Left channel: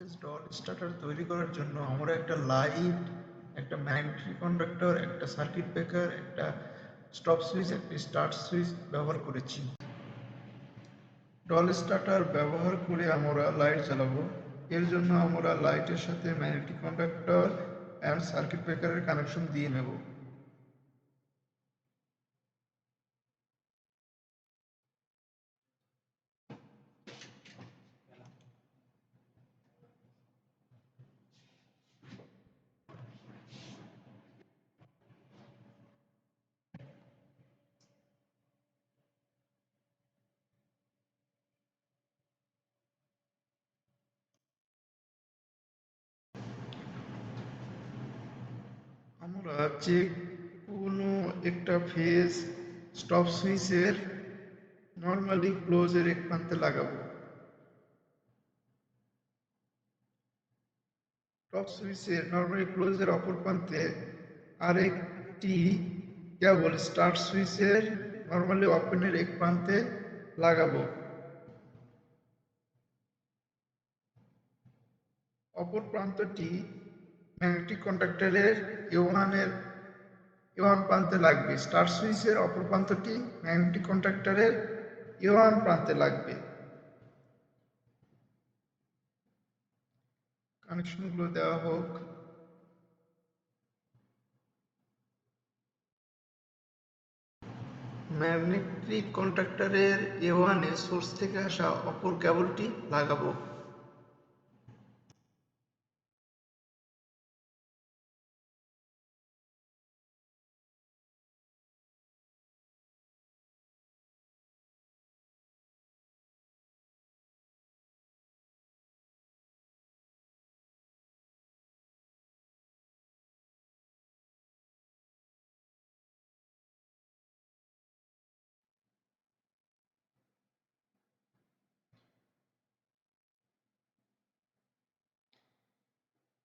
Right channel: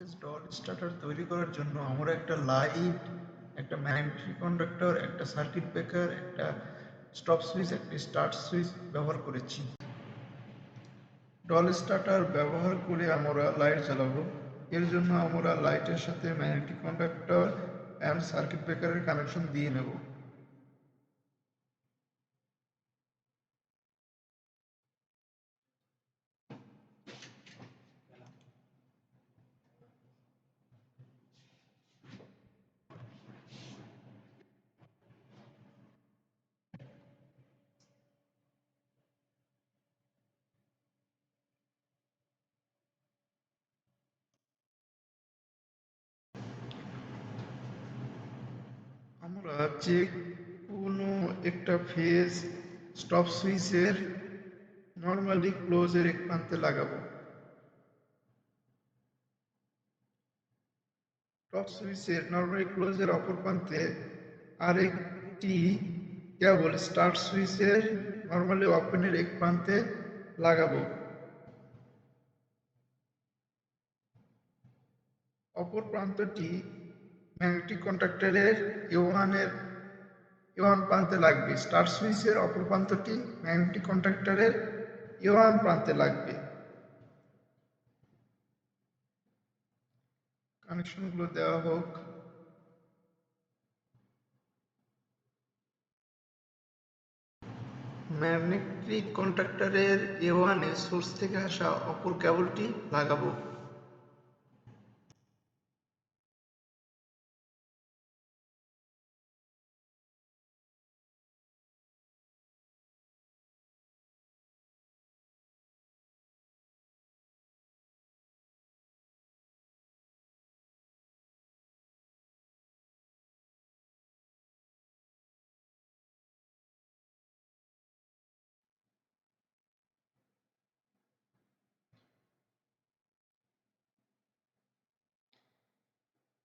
Stall starter তৈরি করার জন্য আমরা একটা লাইট, একটা ম্যাগনেটিক কন্ডাক্টর, একটা সার্কিট ব্রেকার, একটা স্টপ সুইচ, একটা স্টার্ট সুইচ ব্যবহার করেছি। স্টল স্টার্টার ব্যবহার করে আমরা লাইট জ্বালাবো। এর জন্য আমরা লাইটের সাথে ম্যাগনেটিক কন্ডাক্টর অ্যান্ড সার্কিট ব্রেকারের কানেকশন দিয়ে নেব। আমরা যে কোনো একটা ফেজ স্টপ সুইচের নর্মালি ক্লোজের এক প্রান্তে লাগাবো। টপ সুইচের নরমালি ক্লোজের অপর প্রান্তে আরেকটি কেবল স্টার্ট সুইচের নরমালি ওপেনের এক প্রান্তে লাগাবো। অপর প্রান্তটি ম্যাগনেটিক কন্ডাক্টরের এ ওয়ান প্রান্তে লাগবে। স্টার্ট সুইচের অপর প্রান্তটি ম্যাগনেটিক কন্ডাক্টরের এ1 প্রান্তে লাগবে। কানেকশনগুলো দেওয়া হোক। ম্যাগনেটিক কন্ডাক্টরের এ1 এর সোর্স থেকে আসা অপর কেবলটি লাগাবো।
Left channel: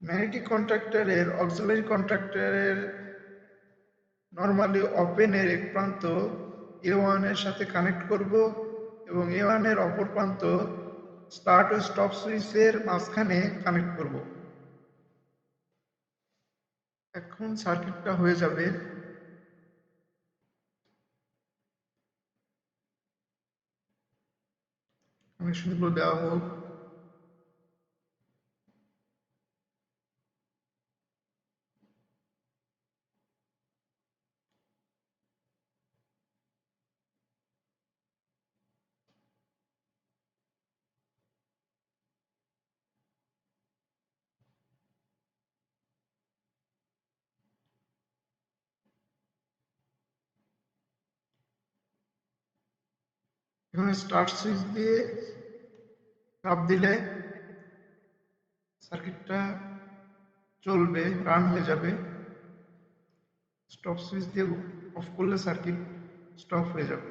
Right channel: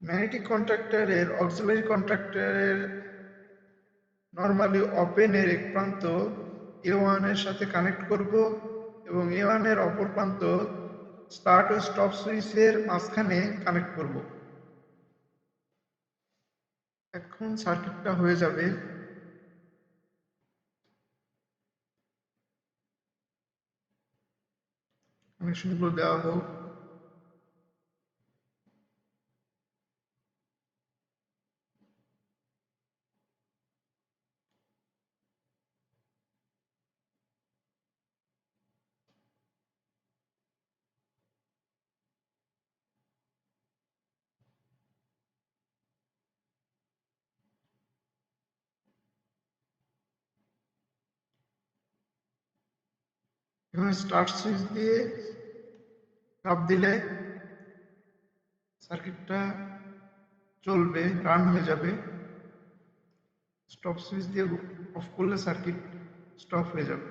ম্যাগনেটিক কন্ডাক্টরের অক্সিলারি কন্ডাক্টরের নরমালি ওপেনের এক প্রান্ত এ1 এর সাথে কানেক্ট করব এবং এ1 এর অপর প্রান্ত স্টার্ট ও স্টপ সুইচের মাঝখানে কানেক্ট করব। এখন সার্কিটটা হয়ে যাবে। কানেকশনগুলো দেওয়া হোক। এখানে স্টার্ট সুইচ দিয়ে চাপ দিলে সার্কিটটা চলবে, রান হয়ে যাবে। স্টপ সুইচ দিয়ে অফ করলে সার্কিট স্টপ হয়ে যাবে।